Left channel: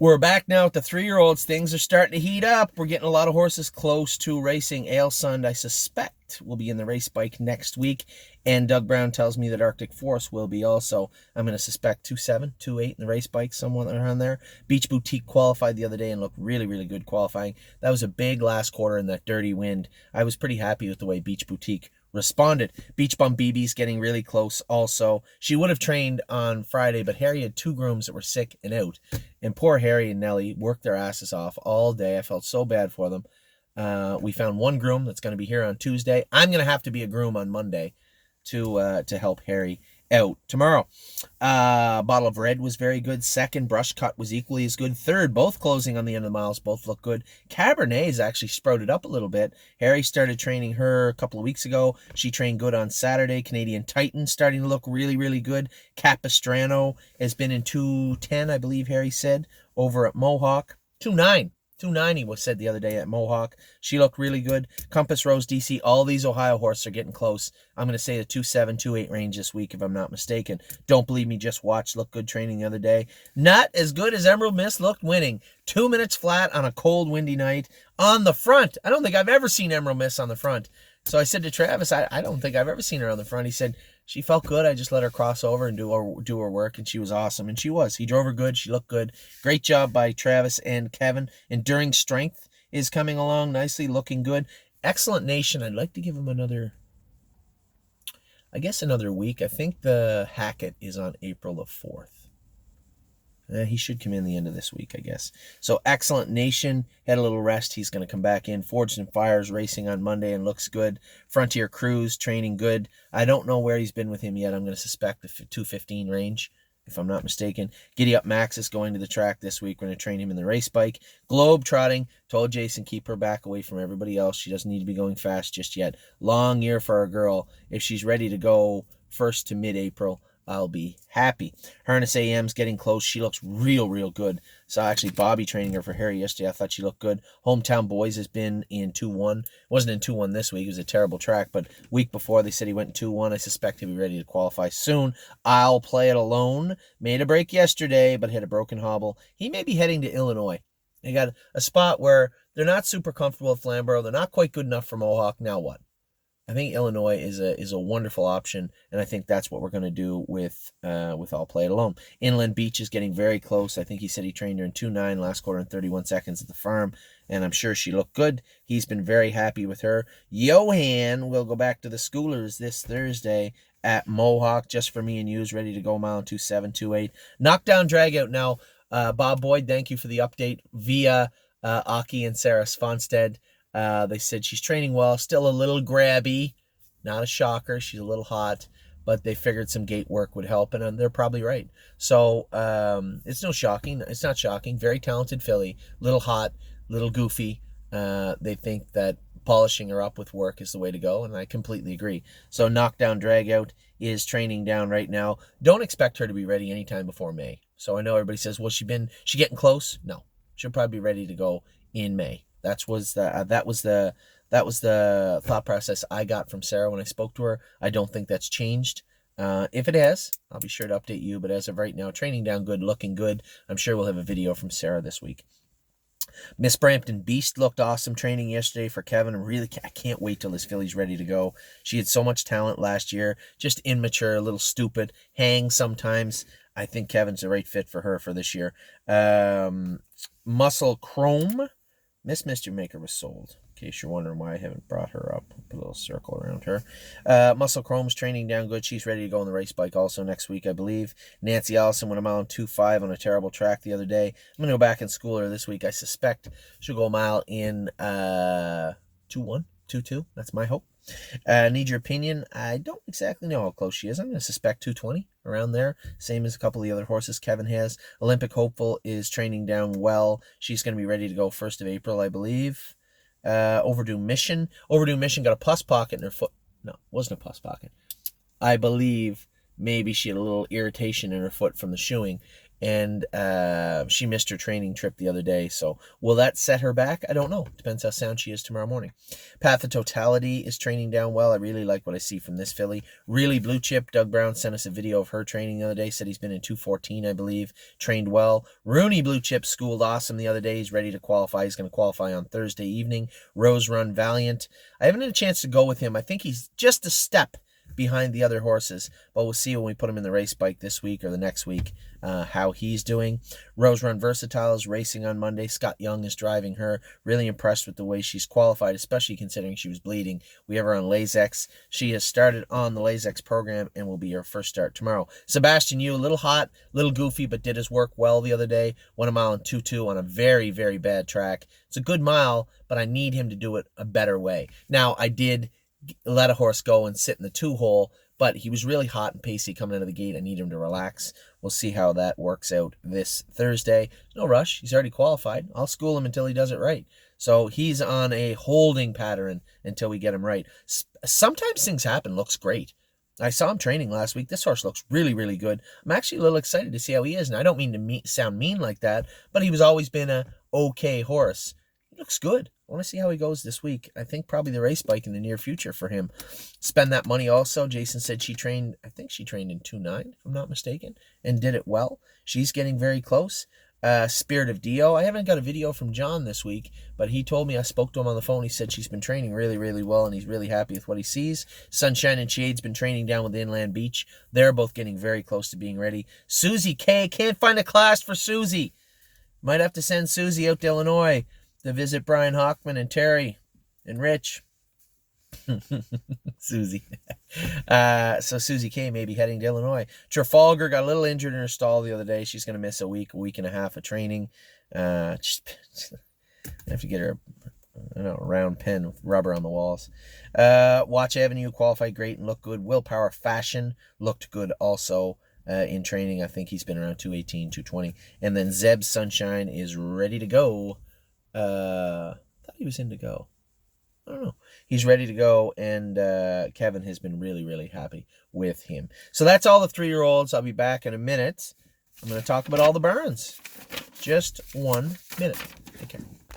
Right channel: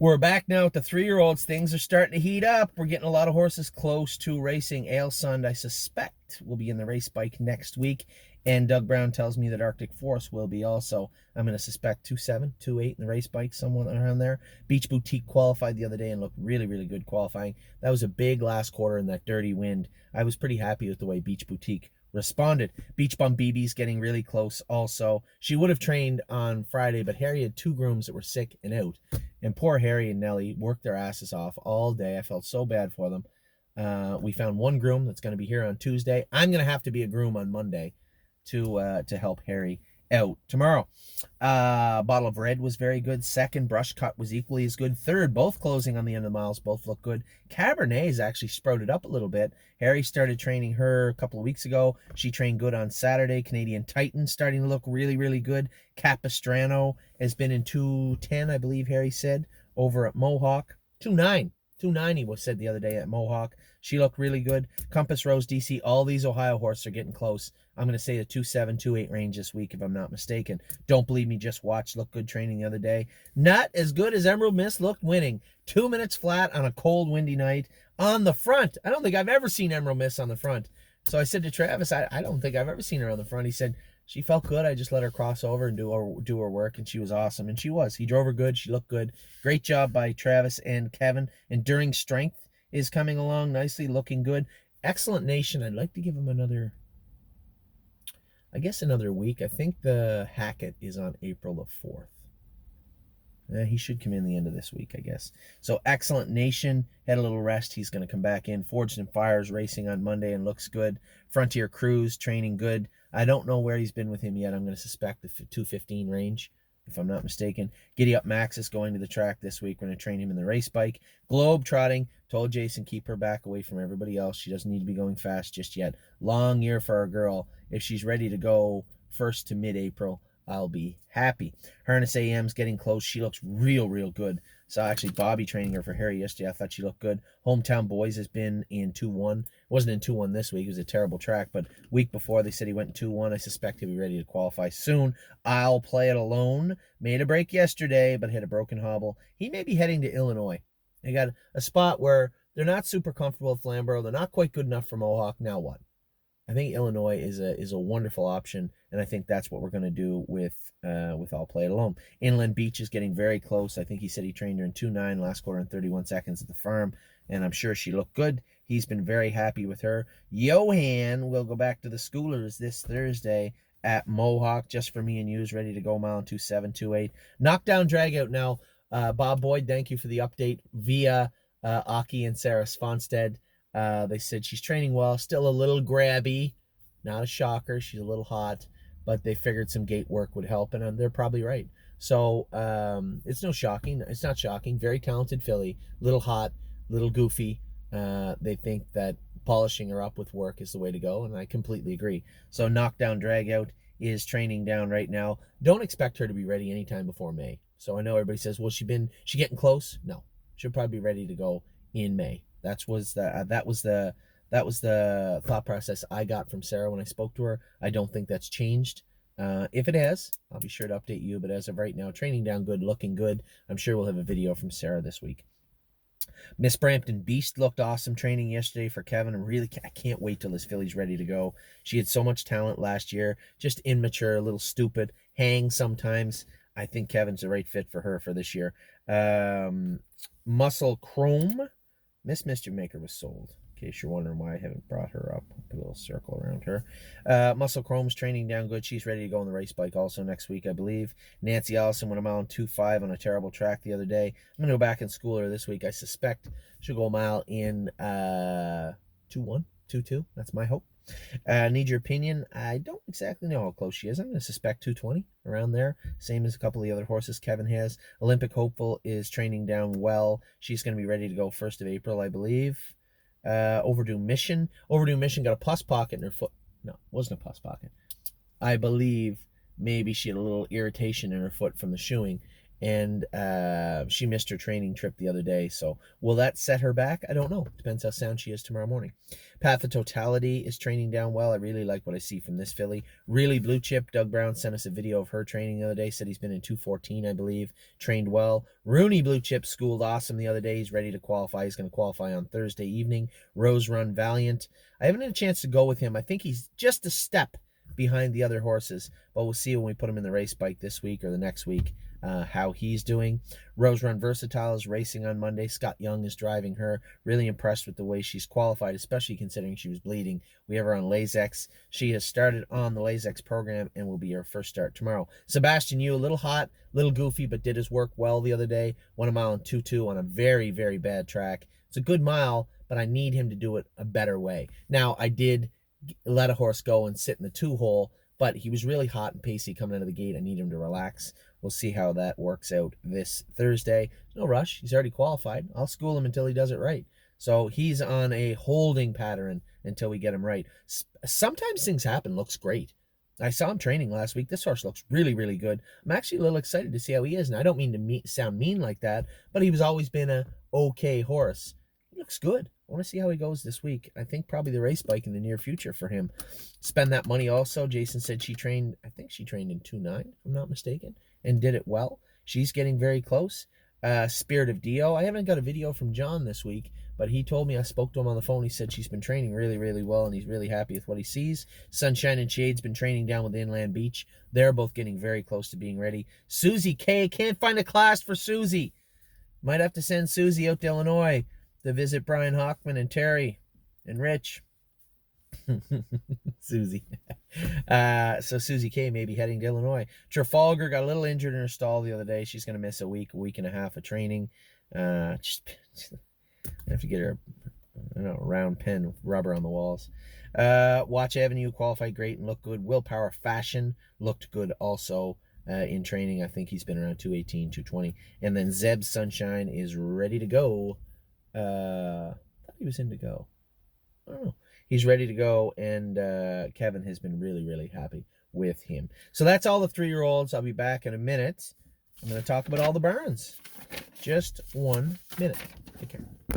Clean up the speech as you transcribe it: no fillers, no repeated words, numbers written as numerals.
We're back now with the 3-year-olds. Things are starting to heat up. We're getting a lot of horses close to racing. Ailsund, I suspect, will be in the race bike next week. And Doug Brown tells me that Arctic Force will be also. I'm going to suspect 2.7, 2.8 in the race bike, somewhere around there. Beach Boutique qualified the other day and looked really, really good qualifying. That was a big last quarter in that dirty wind. I was pretty happy with the way Beach Boutique responded. Beach Bum BB's getting really close also. She would have trained on Friday, but Harry had 2 grooms that were sick and out. And poor Harry and Nellie worked their asses off all day. I felt so bad for them. We found 1 groom that's going to be here on Tuesday. I'm going to have to be a groom on Monday to help Harry out tomorrow. Bottle of Red was very good. Second, Brush Cut was equally as good. Third, both closing on the end of the miles, both look good. Cabernet's actually sprouted up a little bit. Harry started training her a couple of weeks ago. She trained good on Saturday. Canadian Titan starting to look really, really good. Capistrano has been in 2:10, I believe Harry said, over at Mohawk. 2:9. 290 was said the other day at Mohawk. She looked really good. Compass Rose DC, all these Ohio horses are getting close. I'm going to say the 2.7, 2.8 range this week, if I'm not mistaken. Don't believe me, just watch. Looked good training the other day. Not as good as Emerald Mist looked winning. 2 minutes flat on a cold, windy night. On the front. I don't think I've ever seen Emerald Mist on the front. So I said to Travis, I don't think I've ever seen her on the front. He said, she felt good. I just let her cross over and do her work, and she was awesome. And she was. He drove her good. She looked good. Great job by Travis and Kevin. Enduring Strength is coming along nicely, looking good. Excellent Nation. I'd like to give him another week. I think the Hackett is on April the 4th. He should come in the end of this week, I guess. So Excellent Nation had a little rest. He's going to come back in. Forged and Fires racing on Monday and looks good. Frontier Cruise training good. I don't know where he's been with him yet. I'm going to suspect the 215 range, if I'm not mistaken. Giddy Up Max is going to the track this week. We're going to train him in the race bike. Globe Trotting. Told Jason, keep her back away from everybody else. She doesn't need to be going fast just yet. Long year for our girl. If she's ready to go 1st to mid-April, I'll be happy. Harness AM's getting close. She looks real, real good. So actually Bobby training her for Harry yesterday. I thought she looked good. Hometown Boys has been in 2-1. Wasn't in 2-1 this week. It was a terrible track, but week before they said he went in 2-1. I suspect he'll be ready to qualify soon. I'll Play It Alone. Made a break yesterday, but hit a broken hobble. He may be heading to Illinois. They got a spot where they're not super comfortable at Flamborough. They're not quite good enough for Mohawk. Now what? I think Illinois is a wonderful option, and I think that's what we're going to do with I'll Play It Alone. Inland Beach is getting very close. I think he said he trained her in 2.9 last quarter in 31 seconds at the farm, and I'm sure she looked good. He's been very happy with her. Johan will go back to the schoolers this Thursday at Mohawk, just for me and you's ready to go mile 2.7, 2.8. Knockdown Dragout now. Bob Boyd, thank you for the update via Aki and Sarah Svanstead. They said she's training well, still a little grabby, not a shocker. She's a little hot, but they figured some gate work would help, and they're probably right. So it's not shocking. Very talented filly, little hot, little goofy. They think that polishing her up with work is the way to go, and I completely agree. So Knockdown Dragout is training down right now. Don't expect her to be ready anytime before May. So I know everybody says, well, she getting close? No, she'll probably be ready to go in May. That was the thought process I got from Sarah when I spoke to her. I don't think that's changed. If it has, I'll be sure to update you. But as of right now, training down good, looking good. I'm sure we'll have a video from Sarah this week. Miss Brampton Beast looked awesome training yesterday for Kevin. I can't wait till this filly's ready to go. She had so much talent last year, just immature, a little stupid, hang sometimes. I think Kevin's the right fit for her for this year. Muscle Chrome. Miss Mr. Maker was sold, in case you're wondering why I haven't brought her up. Put a little circle around her. Muscle Chrome's training down good. She's ready to go on the race bike also next week, I believe. Nancy Allison went a mile 2.5 on a terrible track the other day. I'm going to go back and school her this week. I suspect she'll go a mile in 2.1, 2.2. That's my hope. Need your opinion? I don't exactly know how close she is. I'm going to suspect 220, around there. Same as a couple of the other horses Kevin has. Olympic Hopeful is training down well. She's going to be ready to go 1st of April, I believe. Overdue Mission. Overdue Mission got a pus pocket in her foot. No, it wasn't a pus pocket. I believe maybe she had a little irritation in her foot from the shoeing. and she missed her training trip the other day. So will that set her back? I don't know. Depends how sound she is tomorrow morning. Path of Totality is training down well. I really like what I see from this filly. Really blue chip. Doug Brown sent us a video of her training the other day. Said he's been in 214, I believe. Trained well. Rooney blue chip schooled awesome the other day. He's ready to qualify. He's going to qualify on Thursday evening. Rose Run Valiant. I haven't had a chance to go with him. I think he's just a step behind the other horses, but we'll see when we put him in the race bike this week or the next week how he's doing. Rose Run Versatile is racing on Monday. Scott Young is driving her. Really impressed with the way she's qualified, especially considering she was bleeding. We have her on Lasix. She has started on the Lasix program and will be her first start tomorrow. Sebastian Yu, a little hot, a little goofy, but did his work well the other day. Won a mile in 2-2 on a very, very bad track. It's a good mile, but I need him to do it a better way. Now, I did let a horse go and sit in the 2-hole, but he was really hot and pacey coming out of the gate. I need him to relax. We'll see how that works out this Thursday. No rush. He's already qualified. I'll school him until he does it right. So he's on a holding pattern until we get him right. Sometimes things happen. Looks great. I saw him training last week. This horse looks really, really good. I'm actually a little excited to see how he is. And I don't mean to sound mean like that, but he was always been a okay horse. He looks good. I want to see how he goes this week. I think probably the race bike in the near future for him. Spend that money also. Jason said she trained, I think she trained in 2.9, if I'm not mistaken, and did it well. She's getting very close. Spirit of Dio. I haven't got a video from John this week, but he told me, I spoke to him on the phone. He said she's been training really, really well, and he's really happy with what he sees. Sunshine and Shade's been training down with Inland Beach. They're both getting very close to being ready. Susie K. Can't find a class for Susie. Might have to send Susie out to Illinois to visit Brian Hockman and Terry and Rich. Susie. So Susie K may be heading to Illinois. Trafalgar got a little injured in her stall the other day. She's going to miss a week and a half of training. Just have to get her a round pen with rubber on the walls. Watch Avenue qualified great and looked good. Willpower Fashion looked good also in training. I think he's been around 218, 220. And then Zeb Sunshine is ready to go. I thought he was in to go. I don't know. He's ready to go, and Kevin has been really, really happy with him. So that's all the 3-year-olds. I'll be back in a minute. I'm going to talk about all the Burns. Just 1 minute. Take care.